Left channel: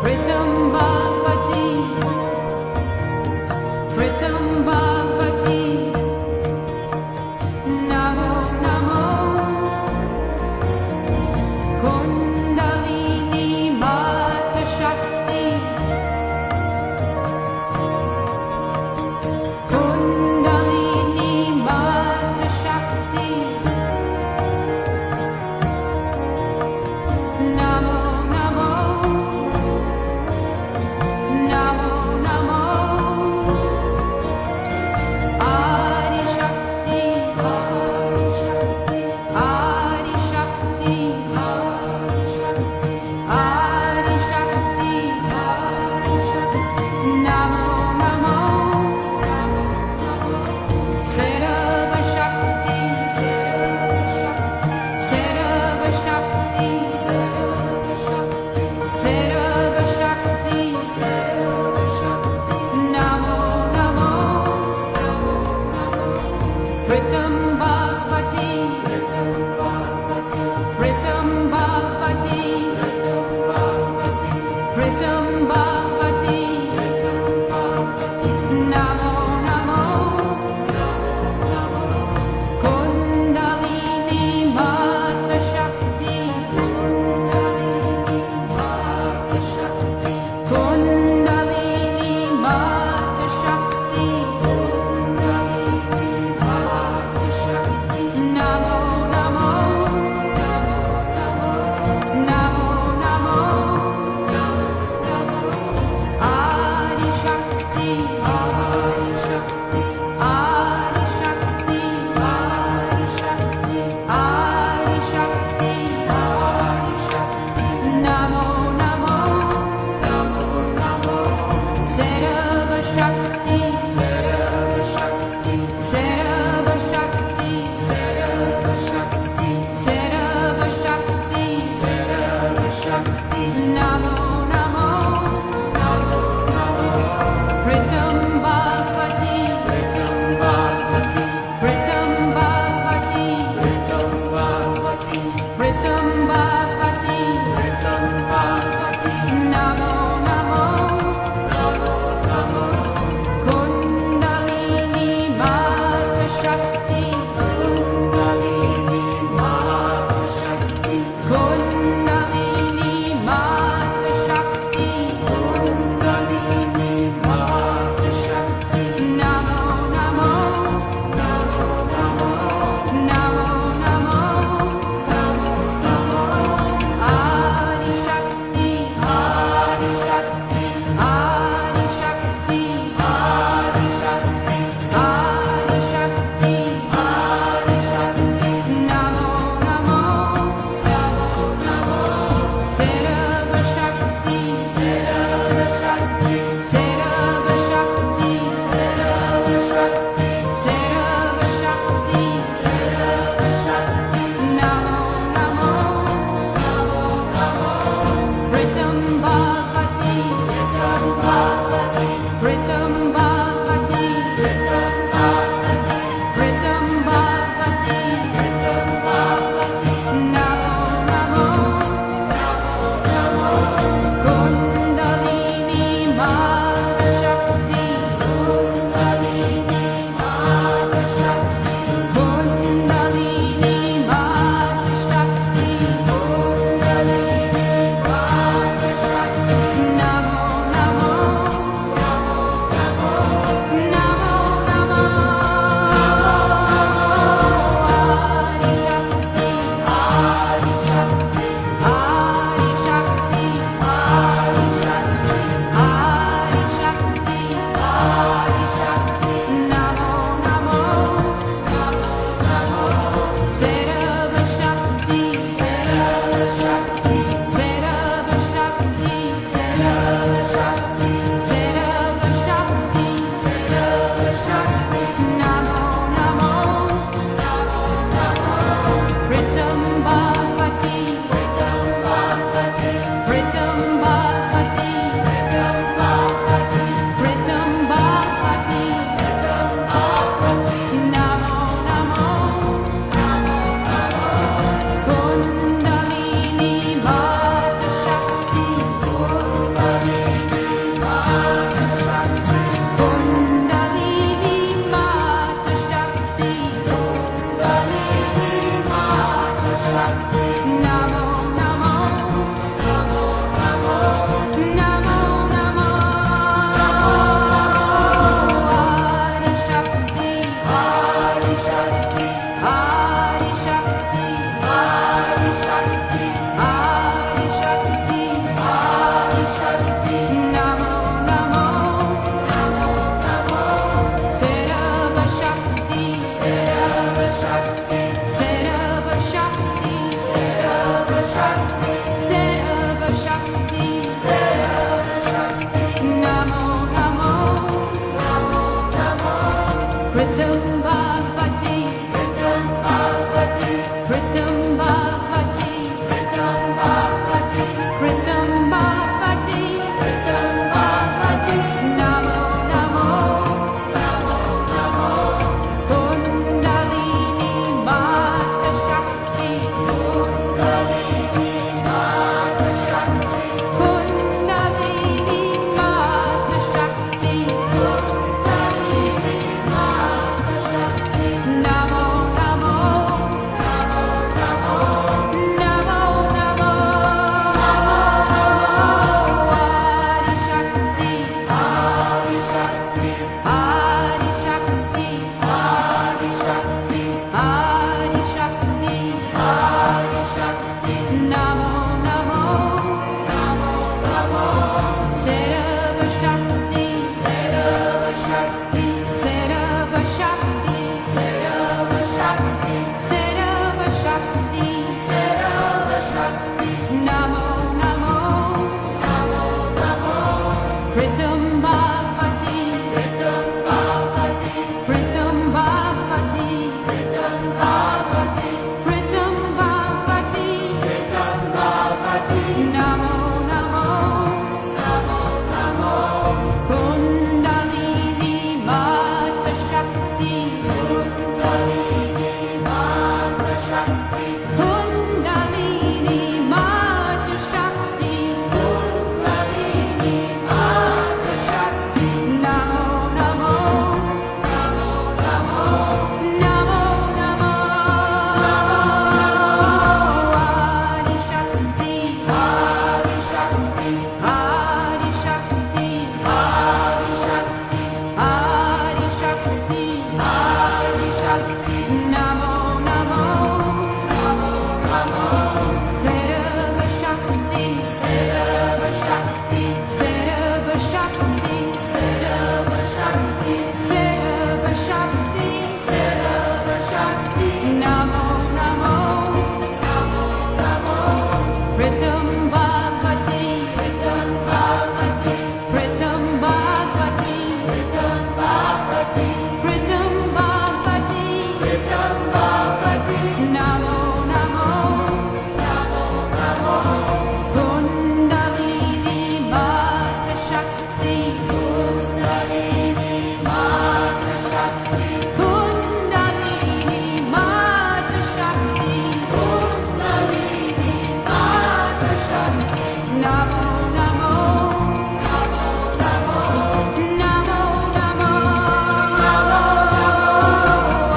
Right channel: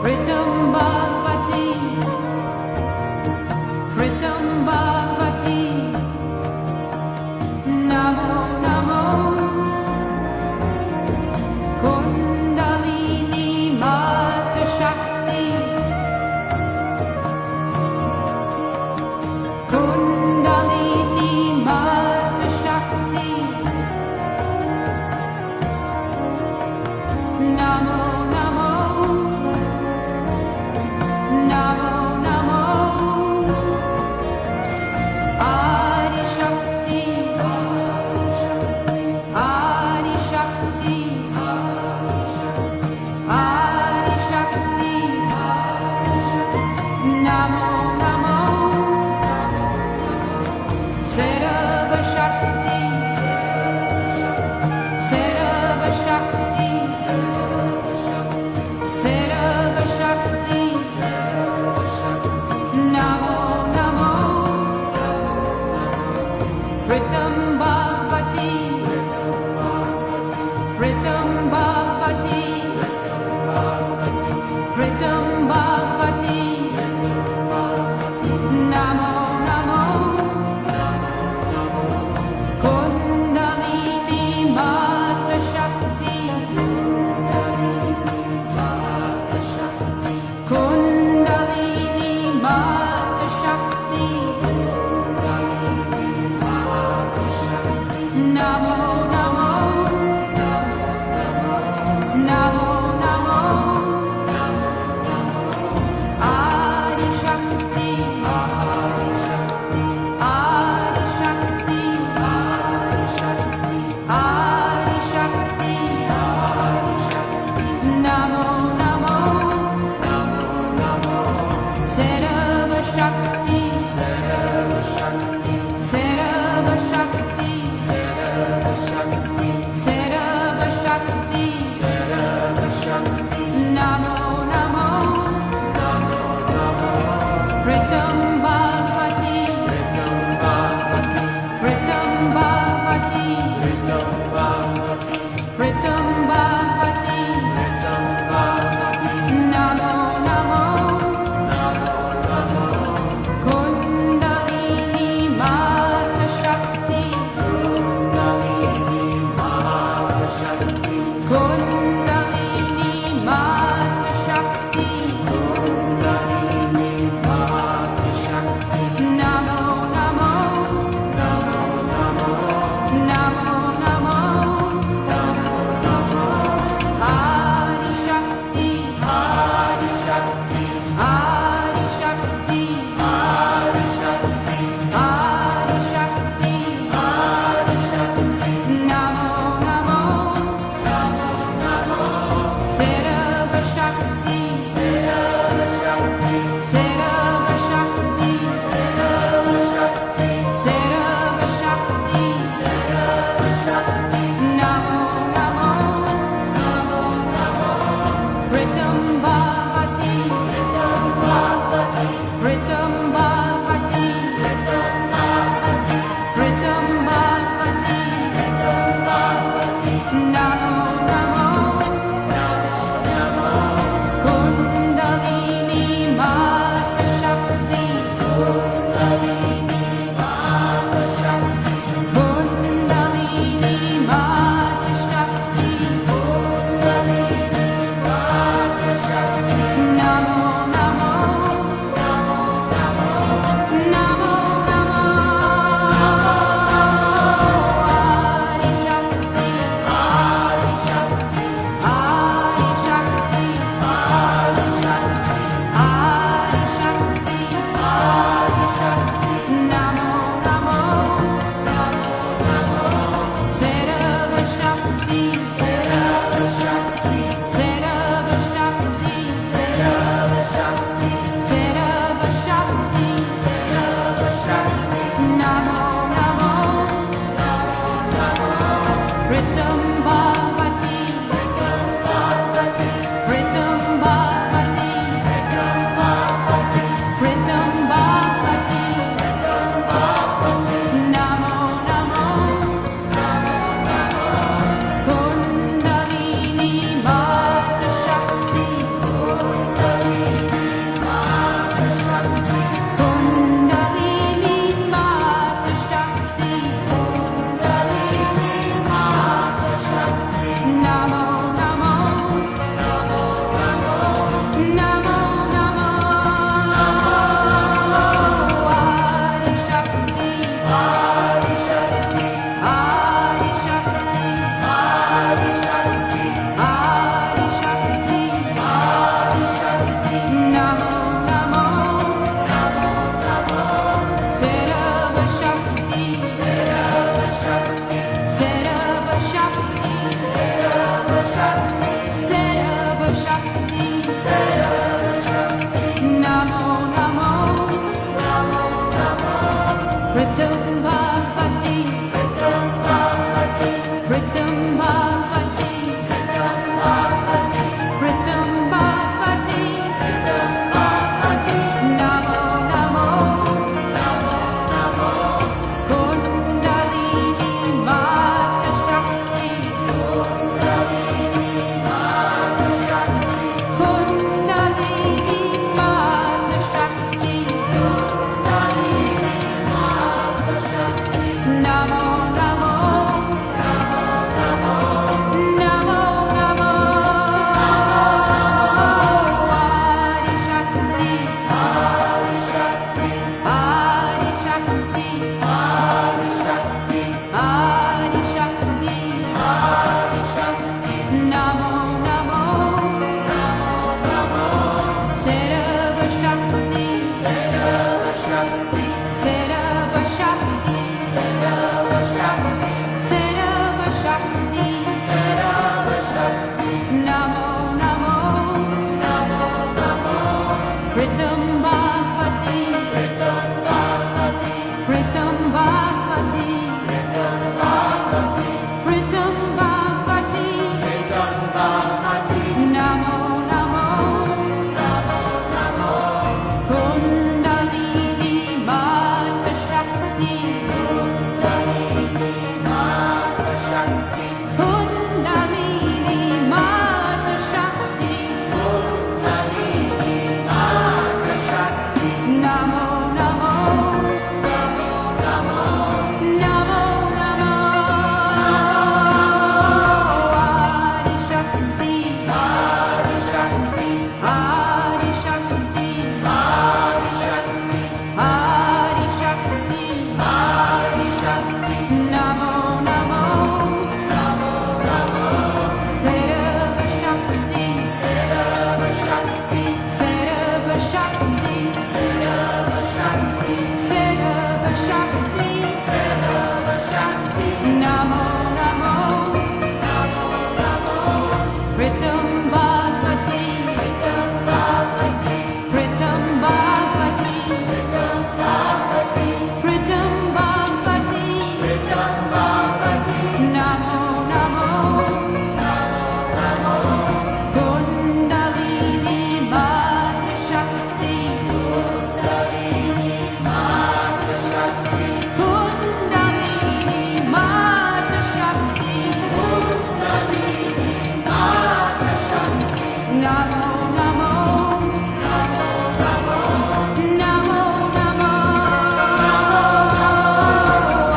Pritam Bhagavati, Pritam Bhagavati, Namo Namo, Kundalini Mata Shakti, Kundalini Mata Shakti, Namo Namo, Namo Namo, Adi Shakti, Adi Shakti, Adi Shakti, Namo Namo, Sarva Shakti, Sarva Shakti, Sarva Shakti, Namo Namo, Pritam Bhagavati, Pritam Bhagavati, Pritam Bhagavati, Namo Namo, Kundalini Mata Shakti, Kundalini Mata Shakti, Namo Namo, Namo Namo, Sarva Shakti, Sarva Shakti, Sarva Shakti, Sarva Shakti, Sarva Shakti, Sarva Shakti, Namo Namo, Namo Namo, Pritam Bhagavati, Pritam Bhagavati, Pritam Bhagavati, Pritam Bhagavati, Pritam Bhagavati, Pritam Bhagavati, Namo Namo, Namo Namo, Kundalini Mata Shakti, Kundalini Mata Shakti, Kundalini Mata Shakti, Kundalini Mata Shakti, Namo Namo, Namo Namo, Namo Namo, Adi Shakti, Adi Shakti, Adi Shakti, Adi Shakti, Adi Shakti, Adi Shakti, Namo Namo, Namo Namo, Sarva Shakti, Sarva Shakti, Sarva Shakti, Sarva Shakti, Sarva Shakti, Sarva Shakti, Namo Namo, Namo Namo, Pritam Bhagavati, Pritam Bhagavati, Pritam Bhagavati, Pritam Bhagavati, Pritam Bhagavati, Pritam Bhagavati, Namo Namo, Namo Namo, Kundalini Mata Shakti, Kundalini Mata Shakti, Kundalini Mata Shakti, Kundalini Mata Shakti, Namo Namo, Namo Namo, Namo Namo,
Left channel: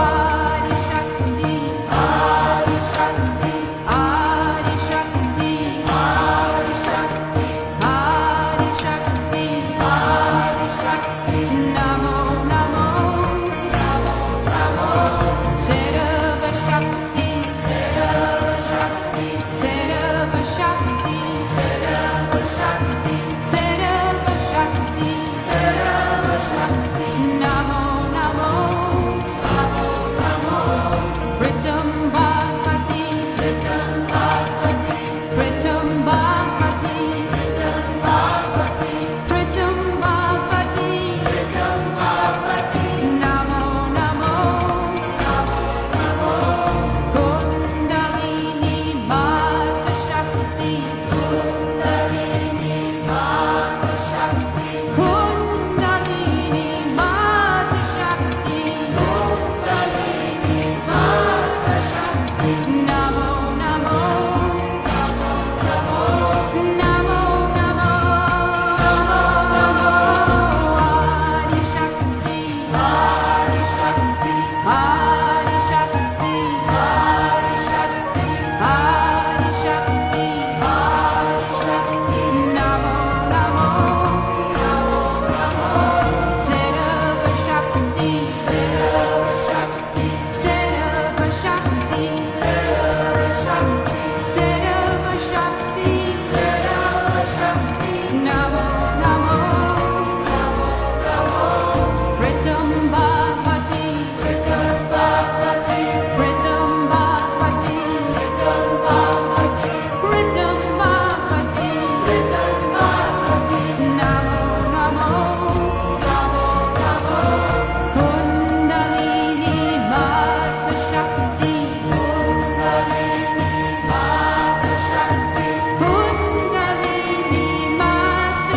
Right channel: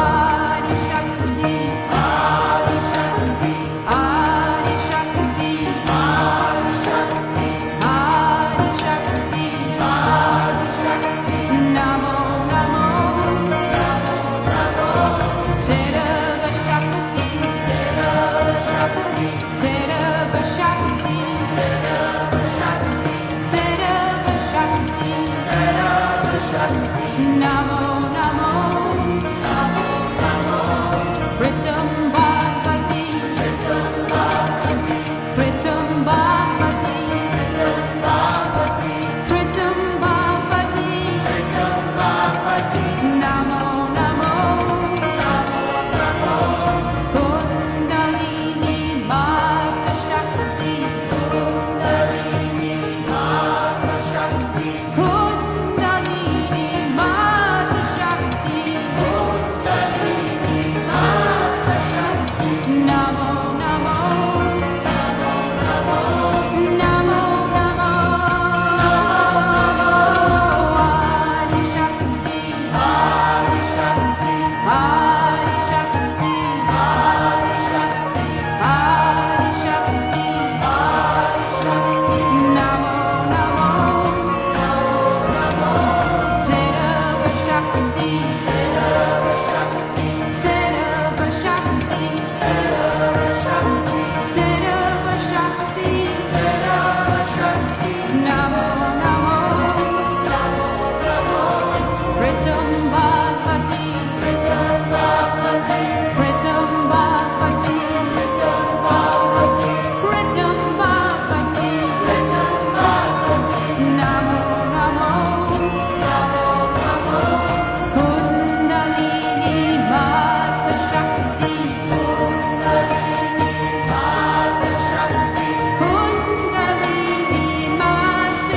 Adi Shakti, Adi Shakti, Adi Shakti, Adi Shakti, Adi Shakti, Adi Shakti, Namo Namo, Namo Namo, Sarva Shakti, Sarva Shakti, Sarva Shakti, Sarva Shakti, Sarva Shakti, Sarva Shakti, Namo Namo, Namo Namo, Pritam Bhagavati, Pritam Bhagavati, Pritam Bhagavati, Pritam Bhagavati, Pritam Bhagavati, Pritam Bhagavati, Namo Namo, Namo Namo, Kundalini Mata Shakti, Kundalini Mata Shakti, Kundalini Mata Shakti, Kundalini Mata Shakti, Namo Namo, Namo Namo, Namo Namo, Adi Shakti, Adi Shakti, Adi Shakti, Adi Shakti, Adi Shakti, Adi Shakti, Namo Namo, Namo Namo, Sarva Shakti, Sarva Shakti, Sarva Shakti, Sarva Shakti, Sarva Shakti, Sarva Shakti, Namo Namo, Namo Namo, Pritam Bhagavati, Pritam Bhagavati, Pritam Bhagavati, Pritam Bhagavati, Pritam Bhagavati, Pritam Bhagavati, Namo Namo, Namo Namo, Kundalini Mata Shakti, Kundalini Mata Shakti, Kundalini Mata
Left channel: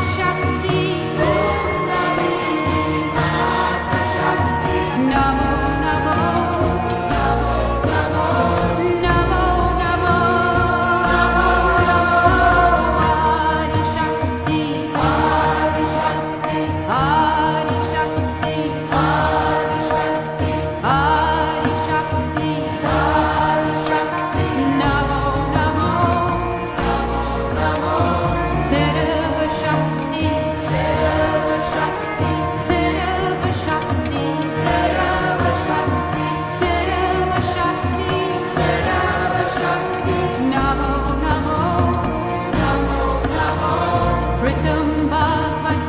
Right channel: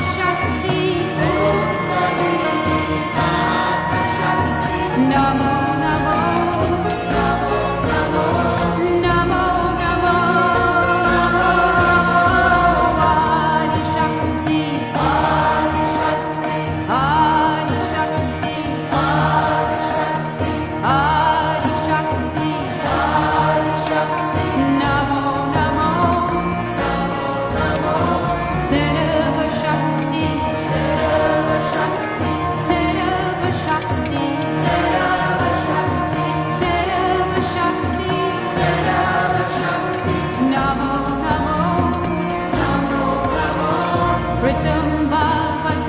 Bhagavad